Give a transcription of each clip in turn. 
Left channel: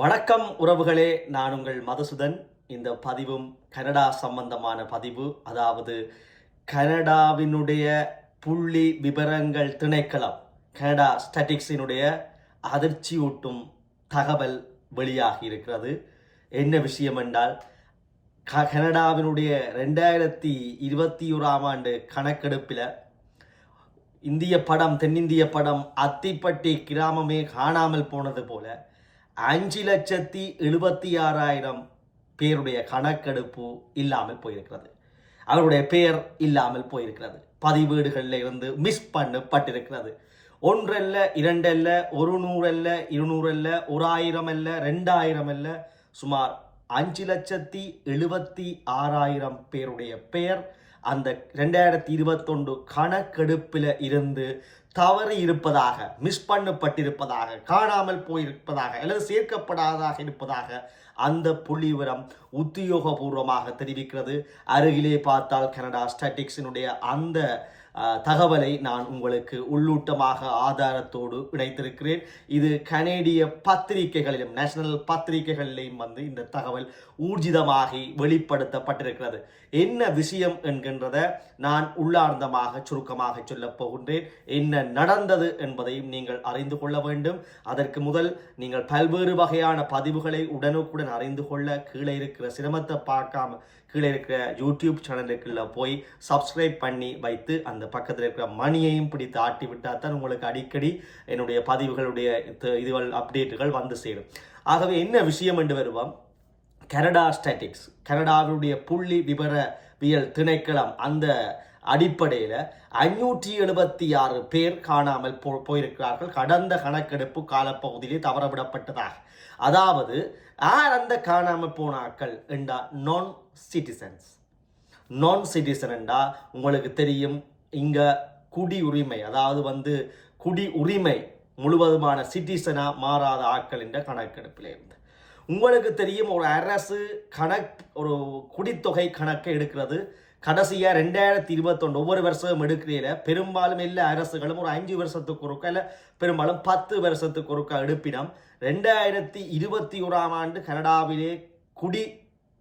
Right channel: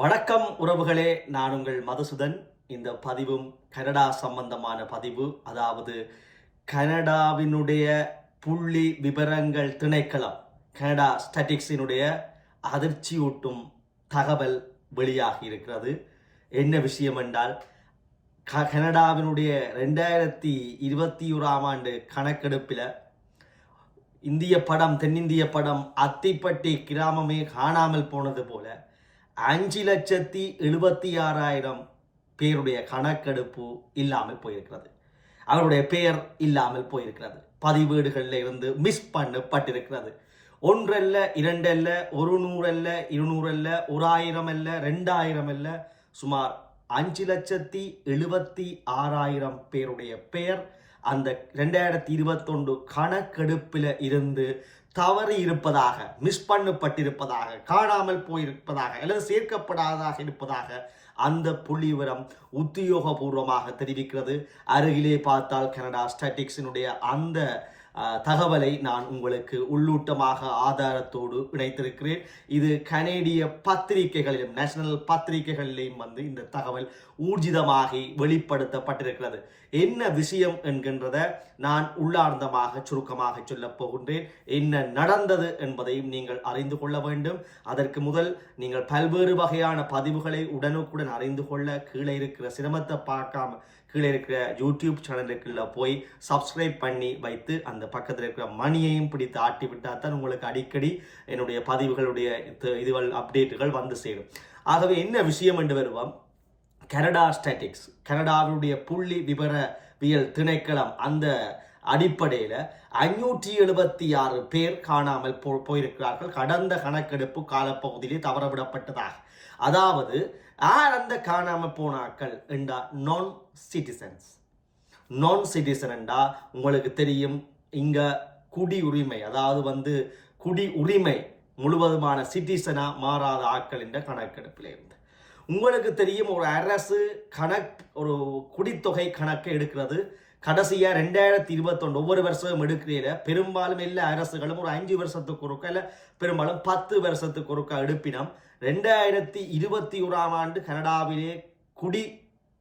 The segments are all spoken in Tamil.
வணக்கம் உறவுகளே நான் உங்கள் மதுசுதன். இந்த பதிவும் கனடா சம்பந்தமான பதிவு. அதாவது கனடாவினுடைய புள்ளி விவரங்கள் திணைக்களம் கனடா ஸ்டாட்டிக்ஸினுடைய அதிர்ச்சியூட்டும் தகவல் வெளியாகி இருக்கிறது. என்ன விஷயம் என்றால் க கனடாவினுடைய ரெண்டாயிரத்தி இருபத்தி ஓராம் ஆண்டு கணக்கெடுப்பில் இந்திய படம் தென்னிந்திய படம் அத்திப்பட்டி கிராமமே காணாமல் போனது போல அஞ்சு லட்சத்தி எழுபத்தி ஆறாயிரம் பேருடைய கணக்கெடுப்பு இல்லாமல் போயிருக்கிறது. அவருடைய பெயர் இல்லாமல் போயிருக்கிறது. பதிவேடுகளில் இருந்து மிஸ் பண்ணப்பட்டிருக்கிறது. ஒன்றல்ல இரண்டல்ல ஒரு நூறல்ல இருநூறல்ல ஒரு ஆயிரம் அல்ல ரெண்டாயிரம் அல்ல சுமார் அஞ்சு லட்சத்தி எழுபத்தி ஆறாயிரம் பேருடைய பெயர் அந்த ரெண்டாயிரத்தி இருபத்தொன்று கணக்கெடுப்பில் இருந்து தவறி இருப்பதாக மிஸ் பண்ணப்பட்டிருப்பதாக காணாமல் போயிருப்பதாக அல்லது சேர்க்கப்படாததாக இருப்பதாக அந்த புள்ளி விவரம் உத்தியோகபூர்வமாக தெரிவிக்கிறது. அருகிலே பார்த்தால் கனடா ஸ்டாட்டிக்ஸினுடைய அந்த தகவலை நான் உங்களுக்கு உள்ளூட்டமாக ஆதாரத்தோடு இணைத்திருக்கிறேன். இது கனேடிய பத்திரிகைகளிலும் நேஷனல் பத்திரிகைகளிலும் வந்து இந்த தகவல் ஊர்ஜிதமாகி வெளிப்படுத்தப்பட்டிருக்கிறது. என்ன விஷயம் என்கின்றத நான் உள்ளார்ந்தமாக சுருக்கமாக சொல்லப் போகின்றேன். என்ன நடந்தது என்பதையும் நீங்கள் அறிந்து கொள்ள வேண்டும். அதற்கு முதல் நீங்கள் பல்வேறு வகையான பதிவுகளை உடனுக்குடன் அறிந்து கொள்ள கீழே இருக்கிற சிரமத்தை பார்க்காம கீழே இருக்கிற யூடியூப் சேனலுக்குள்ள போய் சப்ஸ்கிரைப் பண்ணி வைத்து அந்த பக்கத்தில் இருக்கிற மணியையும் பிடித்து ஆட்டி விட்டால் தான் உங்களுக்கு அடிக்கடி என்னுடைய பதிவுகளுடைய இது- இதுகள் அப்டேட்டுகள் வந்து சேரும். ஆகவே என்ன விஷயம் என்று வருவோம்? கனடா ஸ்டாட்டிக்ஸ் கனடாவுடைய புள்ளி விவரவியல் திணைக்களம் அந்த அடிப்படையில் ஐநூற்றி எழுபத்தி ஆறு பேர் காணாமல் போ போயிருக்கிறார்கள். கடந்த கணக்கெடுப்பு காலப்பகுதியிலே தவறவிடப்பட்டதாக. அதாவது யார் அந்த காணாமல் போனாக்கள் என்றா நான் சிட்டிசன்ஸ் நான் சிட்டிசன் என்றா உங்களுக்கு தெரியும் இங்கே குடி உரிமை அதாவது வந்து குடி உரிமை முழுவதுமான சிட்டிசனா மாறாத ஆட்கள் என்ற கணக்கெடுப்பில் இருந்து. உங்களுக்கு தெரியும் ஒரு அரசு கணக் ஒரு குடித்தொகை கணக்கை எடுக்கிறது. கடைசியாக ரெண்டாயிரத்தி இருபத்தொன்று ஒவ்வொரு வருஷமும் எடுக்கிறீங்க பெரும்பாலும் எல்லா அரசுகளும் ஒரு அஞ்சு வருஷத்துக்கு ஒருக்கா இல்லை பெரும்பாலும் பத்து வருஷத்துக்கு ஒருக்கா எடுப்பினம். ரெண்டாயிரத்தி இருபத்தி ஓராம் ஆண்டு கனடாவிலே குடி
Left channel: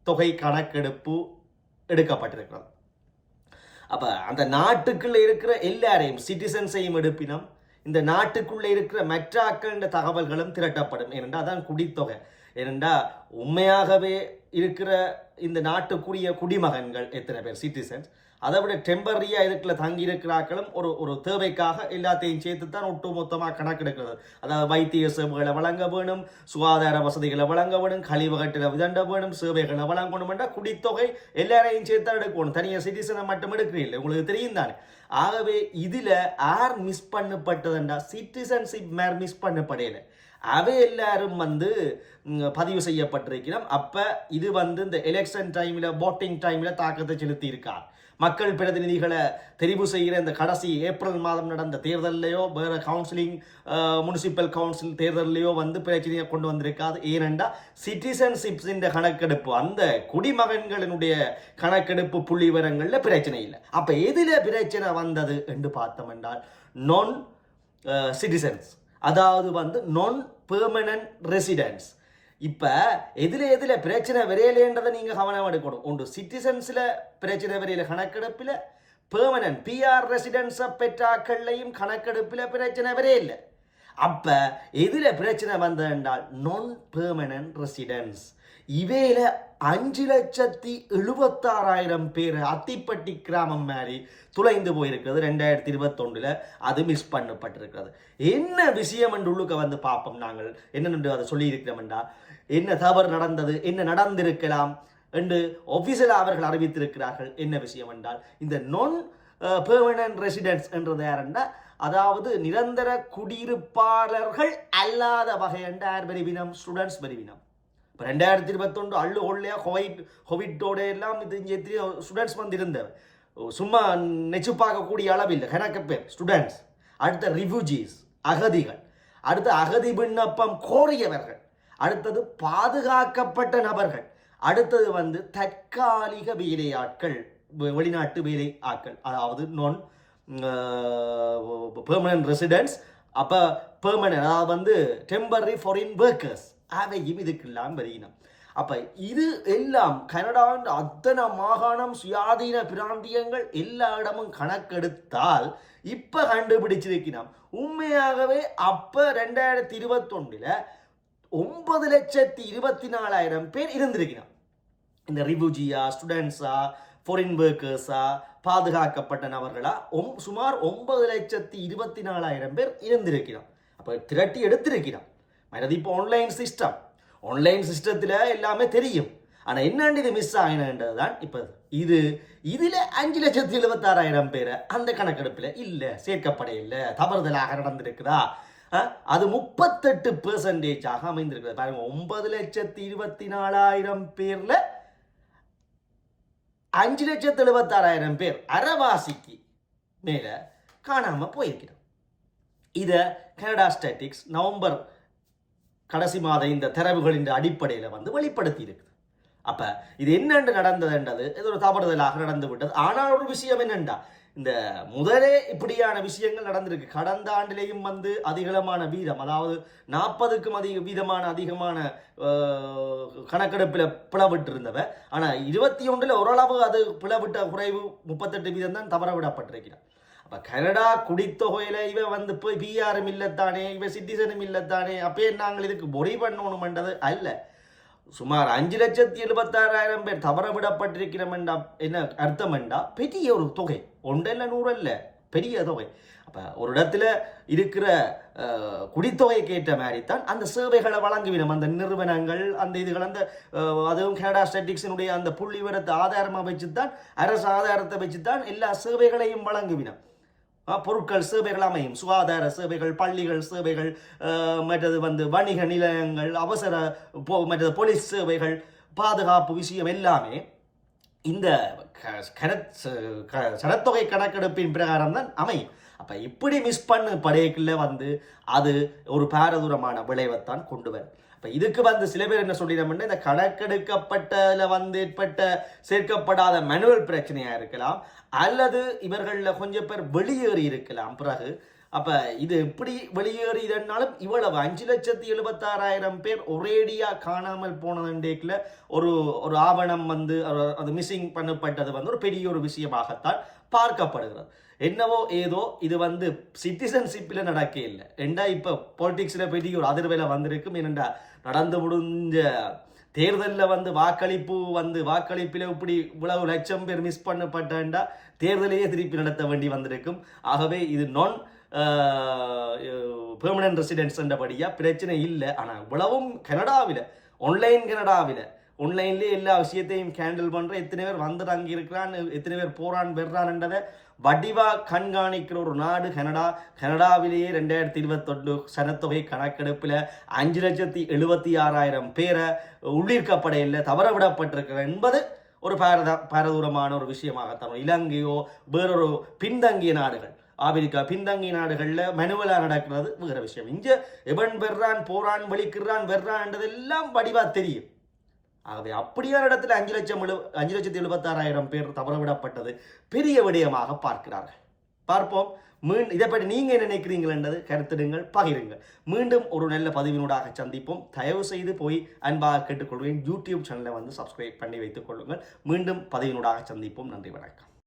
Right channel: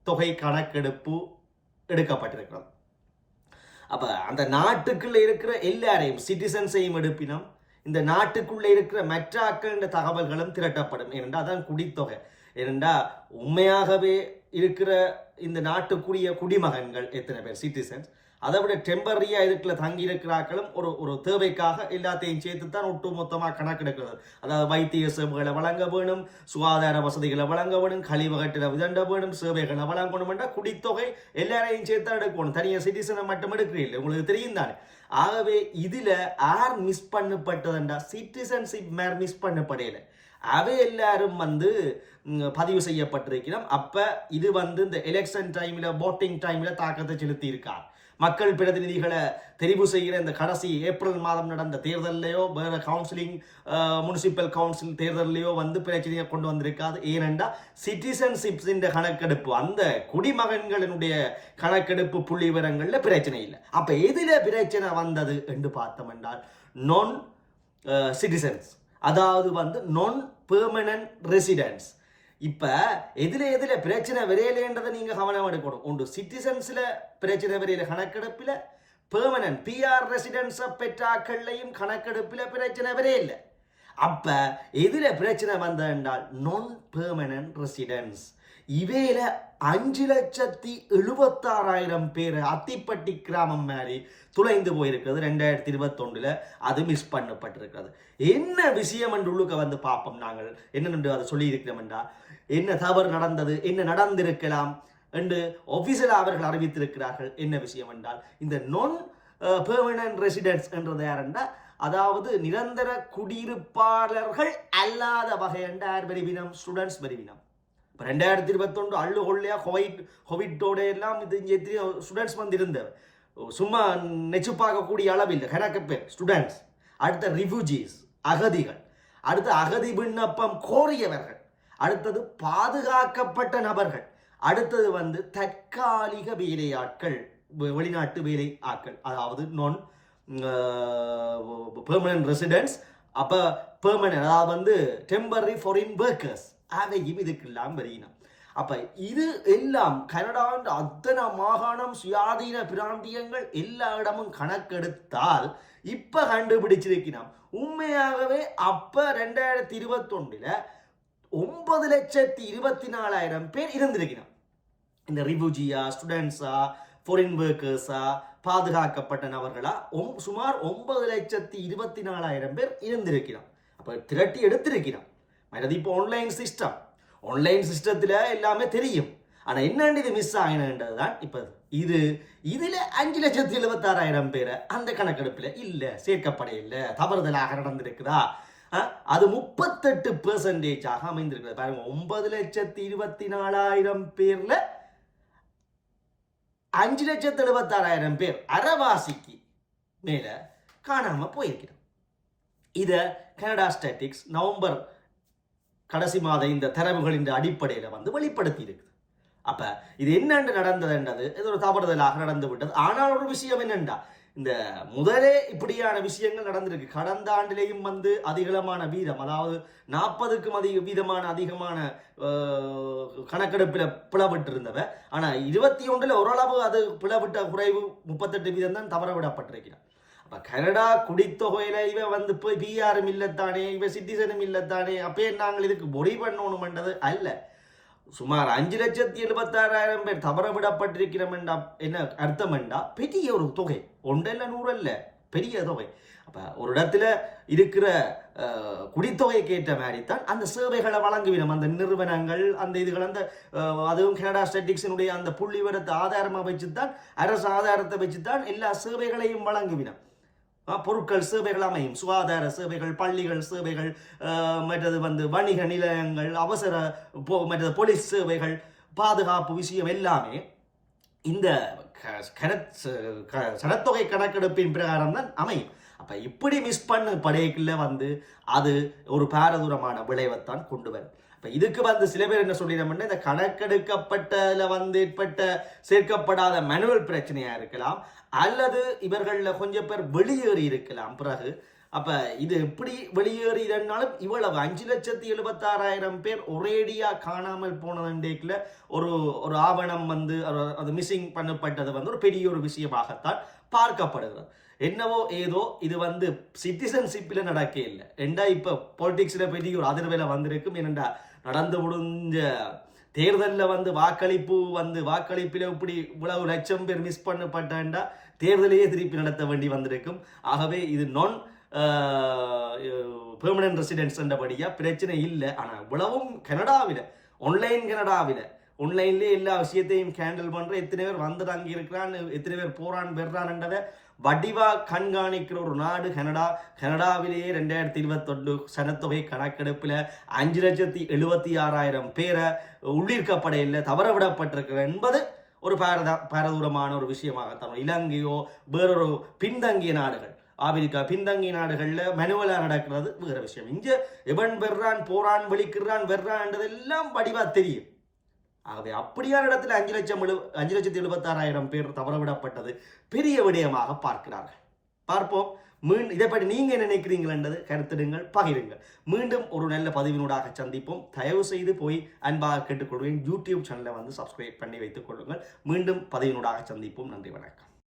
தொகை கணக்கெடுப்பு எடுக்கப்பட்டிருக்கிறது. அப்போ அந்த நாட்டுக்குள்ளே இருக்கிற எல்லாரையும் சிட்டிசன்ஸையும் எடுப்பினம். இந்த நாட்டுக்குள்ளே இருக்கிற மற்ற ஆக்களின் தகவல்களும் திரட்டப்படும். ஏனென்றால் அதான் குடித்தொகை. ஏனென்றால் உண்மையாகவே இருக்கிற இந்த நாட்டுக்குரிய குடிமகன்கள் எத்தனை பேர்? சிட்டிசன்ஸ் அதை விட டெம்பரரியாக இதுக்குள்ள தங்கி இருக்கிறாக்களும் ஒரு ஒரு தேவைக்காக எல்லாத்தையும் சேர்த்து தான் ஒட்டு மொத்தமாக கணக்கெடுக்கிறது. அதாவது வைத்திய சேவைகளை வழங்க வேணும் சுகாதார வசதிகளை வழங்க வேணும் கழிவகட்டில் விதண்ட வேணும் சேவைகளை வழங்கணும் என்றால் குடித்தொகை எல்லாரையும் சேர்த்து தான் எடுக்கணும் தனியாக சிட்டிசனை மட்டும் எடுக்கிறீங்க உங்களுக்கு தெரியும் தானே. ஆகவே இதில் யார் மிஸ் பண்ணப்பட்டதுண்டா? சிட்டிசன்ஷிப் மேர் மிஸ் பண்ணப்படையில அவை எல்லாரும் வந்து பதிவு செய்யப்பட்டிருக்கிறோம். அப்போ இது வந்து இந்த எலெக்ஷன் டைமில் போட்டிங் டைமில் தாக்கத்தை செலுத்தி இருக்கார் மக்கள் பிரதிநிதிகளை தெரிவு செய்கிற இந்த கடைசி ஏப்ரல் மாதம் நடந்த தேர்தல்லையோ வேறு கவுன்சிலிங் முனிசிபல் கவுன்சில் தேர்தல்லையோ வந்து பிரச்சனையை கொண்டு வந்திருக்காது. ஏனென்றா சிட்டிசன்ஷிப்ஸ் இந்த கணக்கெடுப்பு அந்த குடிமகன்களினுடைய கணக்கெடுப்பு புள்ளி விவரங்களில் பிரச்சனை இல்லை. அப்போ எதில் பிரச்சனை வந்தது என்று பார்த்தோம் என்றால் நான் சிட்டிசன்ஸ் அதாவது வந்து நான் பெர்மனன்ட் ரெசிடென்ஸ் இப்போ எதில் எதில் பிரச்சனை விரையிலேன்றதை நீங்கள் கவனம் எடுக்கணும். ஒன்று சிட்டிசன்ஸில் பிரச்சனை விரையில கணக்கெடுப்பில் பெர்மனன்ட் பிஆர் ரெசிடென்ஸை பெற்றாக்கள்லையும் கணக்கெடுப்பில் பிரச்சனை விரையில்லை அப்போ எதில் பிரச்சனை வந்ததென்றால் நான் பெர்மனன்ட் ரெசிடென்ஸ் இவையில அஞ்சு லட்சத்தி எழுபத்தாறாயிரம் பேர் அத்திப்பட்டி கிராமம் மாதிரி துளைந்து போயிருக்கிறது ரெண்டாயிரத்தி இருபத்தொன்றில் அது மிஸ் பண்ணப்பட்டிருக்கிறது. என்ன விஷயம் என்று உள்ளுக்க வந்து பார்ப்போம் நாங்கள். என்னென்று அதை சொல்லியிருக்கிறோம்டா என்ன தவறு நடந்தது? என்ன நடந்திருக்கலாம்? என்று ஒஃபிஷியலாக அவர்கள் அறிவித்திருக்கிறார்கள். என்ன விஷயம் என்றால் இந்த நொன் பெர்மனன்ட் ரெசிடென்ஸ் என்றது யாருண்டா? அதாவது நிரந்தர குடியிருப்பாளர்கள் அல்லாத வகை என்ற பிரிவினம் ஸ்டூடெண்ட்ஸ் பிரிவினம் இப்போ ரெண்டாயிரத்தி இருபத்தொன்று அள்ளு கொள்ளையாக கோவிட் கோவிட்டோட எல்லாம் இது இங்கே ஸ்டூடெண்ட்ஸ் வந்து இருந்தவர் சும்மா நெச்சு பார்க்கக்கூடிய அளவில் கணக்கு பேர் ஸ்டூடெண்ட்ஸ் அடுத்த ரிஃப்யூஜிஸ் அகதிகள். அடுத்த அகதி விண்ணப்பம் கோரியவர்கள். அடுத்தது பாதுகாக்கப்பட்ட நபர்கள். அடுத்தது வந்து தற்காலிக வேலையாட்கள் வெளிநாட்டு வேலை ஆட்கள் அதாவது நான் பெர்மனன்ட் ரெசிடென்ட்ஸ் அப்போ பெர்மனன்ட் அதாவது வந்து டெம்பரரி ஃபாரின் ஒர்க்கர்ஸ் அவையும் இதுக்கெல்லாம் வருகினோம் அப்போ இது எல்லாம் கனடாவின் அத்தனை மாகாணம் சுயாதீன பிராந்தியங்கள் எல்லா இடமும் கணக்கெடுத்தால் இப்போ கண்டுபிடிச்சிருக்கிறோம் உண்மையாகவே அப்போ ரெண்டாயிரத்தி இருபத்தொன்னுல ஒன்பது லட்சத்தி இருபத்தி நாலாயிரம் பேர் இருந்திருக்கிறோம் இந்த ரிபுஜியா ஸ்டூடெண்ட்ஸா ஃபாரின் ஒர்க்கர்ஸா பாதுகாக்கப்பட்ட நபர்களா? ஒம் சுமார் ஒன்பது லட்சத்தி இருபத்தி நாலாயிரம் பேர் இருந்திருக்கிறோம் அப்போ திரட்டி எடுத்திருக்கிறோம் மற்றது இப்போ ஆன்லைன் சிஸ்டம் ஆன்லைன் சிஸ்டத்தில் எல்லாமே தெரியும். ஆனால் என்னண்டு இது மிஸ் ஆகினன்றது தான் இப்போ இது. இதில் அஞ்சு லட்சத்தி எழுபத்தாறாயிரம் பேர் அந்த கணக்கெடுப்பில் இல்லை சேர்க்கப்படையில்லை தவறுதலாக நடந்திருக்குதா? அது முப்பத்தெட்டு பெர்சன்டேஜாக அமைந்திருக்கிறது பாருங்க ஒன்பது லட்சத்தி இருபத்தி நாலாயிரம் பேரில் அஞ்சு லட்சத்து எழுபத்தாறாயிரம் பேர் அறவாசிக்கு மேலே காணாமல் போயிருக்கிறோம். இதை கனடா ஸ்டாட்டிக்ஸ் நவம்பர் கடைசி மாத இந்த தரவுகளின் அடிப்படையில் வந்து வெளிப்படுத்தி இருக்குது. அப்போ இது என்னென்று நடந்ததுன்றது இது ஒரு தவறுதலாக நடந்து விட்டது ஆனால் ஒரு விஷயம் என்னென்றா இந்த முதலே இப்படியான விஷயங்கள் நடந்திருக்கு. கடந்த ஆண்டிலேயும் வந்து அதிகளமான வீதம் அதாவது நாற்பதுக்கும் அதிக வீதமான அதிகமான கணக்கெடுப்பில் பிளவிட்டு இருந்தவ ஆனால் இருபத்தி ஒன்றில் ஓரளவு அது பிளவிட்ட குறைவு முப்பத்தெட்டு வீதம் தான் தவற விடப்பட்டிருக்கிறான். அப்போ கனடா குடித்தொகையில் இவ வந்து போய் பிஆரும் இல்லைத்தானே இவ சிட்டிசனும் இல்லைத்தானே அப்பே நாங்கள் இதுக்கு பொடி பண்ணது அல்ல. சுமார் அஞ்சு லட்சத்தி எழுபத்தாறாயிரம் பேர் தவற விடப்பட்டிருக்கிறோம்டா என்ன என்றா பெரிய ஒரு தொகை. ஒன்றல்ல நூறல்ல. பெரிய தொகை. அப்போ ஒரு இடத்துல இருக்கிற அஹ், குடித்தொகைக்கு ஏற்ற மாதிரி தான் அந்த சேவைகளை வழங்குவிடும். அந்த நிறுவனங்கள் அந்த இதுகள் அந்த அதுவும் கனடா ஸ்டாட்டிக்ஸினுடைய அந்த புள்ளி விவரத்தை ஆதாரமாக வச்சு தான் அரசு ஆதாரத்தை வச்சு தான் எல்லா சேவைகளையும் வழங்குவினம் பொருட்கள் சேவைகள் அமையும். சுகாதார சேவைகள் பள்ளிகள் சேவைகள் மற்றது வந்து வணிக நிலையங்கள் அவசர போ- மற்றது போலீஸ் சேவைகள் பாதுகாப்பு விஷயம் எல்லாமே இந்த க- சனத்தொகை கணக்கெடுப்பின் பிரகாரம் தான் அமையும். அப்போ இப்படி மிஸ் பண்ண படையக்குள்ள வந்து அது ஒரு பாரதூரமான விளைவைத்தான் கொண்டு வரும். இப்போ இதுக்கு வந்து சில பேர் என்ன சொல்லிடுறோம்னா இந்த கணக்கெடுக்கப்பட்டதில் வந்து ஏற்பட்ட சேர்க்கப்படாத மனுவல் பிரச்சனையாக இருக்கலாம் அல்லது இவர்களில் கொஞ்சம் பேர் வெளியேறி இருக்கலாம். பிறகு அப்போ இது எப்படி வெளியேறினாலும் இவ்வளவு அஞ்சு லட்சத்தி எழுபத்தாறாயிரம் பேர் ஒரேடியாக காணாமல் போனதுண்டேக்கில் ஒரு ஒரு ஆவணம் வந்து அது மிஸ்ஸிங் பண்ணப்பட்டது வந்து ஒரு பெரிய ஒரு விஷயமாகத்தான் பார்க்கப்படுகிறது. என்னவோ ஏதோ இது வந்து சிட்டிசன்ஷிப்பில் நடக்க இல்லை. ஏண்டா இப்போ பொலிட்டிக்ஸில் பெரிய ஒரு அதிர்வையில் வந்திருக்கும்? ஏனண்டா நடந்து முடிஞ்ச தேர்தலில் வந்து வாக்களிப்பு வந்து வாக்களிப்பில் இப்படி இவ்வளவு லட்சம் பேர் மிஸ் பண்ணப்பட்டாண்டா தேர்தலையே திருப்பி நடத்த வேண்டி வந்திருக்கும். ஆகவே இது நான் பெர்மனன்ட் ரெசிடென்ஸ் என்றபடியாக பிரச்சனை இல்லை. ஆனால் இவ்வளவும் கனடாவில் ஆன்லைன் கனடாவில் ஒன்லைன்லேயே எல்லா விஷயத்தையும் கேண்டில் பண்ணுற எத்தனை பேர் வந்துட்டு அங்கே இருக்கிறான் எத்தனை பேர் போகிறான் பெறான்ன்றதை வடிவாக கண்காணிக்கிற ஒரு நாடு கனடா. கனடாவிலேயே ரெண்டாயிரத்தி இருபத்தொன்று சனத்தொகை கணக்கெடுப்பில் அஞ்சு லட்சத்தி எழுபத்தி ஆறாயிரம் பேரை உள்ளிருக்கப்படையில் தவற விடப்பட்டிருக்கிறது என்பது ஒரு பாரத பாரதூரமான ஒரு விஷயமாகத்தான். இலங்கையோ வேறொரு பின்தங்கிய நாடுகள். ஆப்பிரிக்கா பின்தங்கிய நாடுகளில் மெனுவலாக நடக்கிறது வேறு விஷயம். இங்கே எவன் வெர்றான் போறான் வெளிக்கிறான் வெர்றான்றதெல்லாம் வடிவாக தெரியும். ஆகவே அப்படியான இடத்துல அஞ்சு லட்சம் எழு அஞ்சு லட்சத்தி எழுபத்தாறாயிரம் பேர் தவறவிடப்பட்டது பெரிய விடயமாக பார்க்கிறார்கள். பார்ப்போம். மீண்டும் இதை பற்றி நீங்கள் என்ன நினைக்கிறீங்களென்றது கருத்திடுங்கள் பகிருங்கள். மீண்டும் ஒரு நல்ல பதிவினூடாக சந்திப்போம். தயவு செய்து போய் அன்பாக கேட்டுக்கொள்வேன். யூடியூப் சேனலை வந்து சப்ஸ்கிரைப் பண்ணி வைத்துக் கொள்ளுங்கள். மீண்டும் பதிவினூடாக சந்திப்போம். நன்றி வணக்கம்.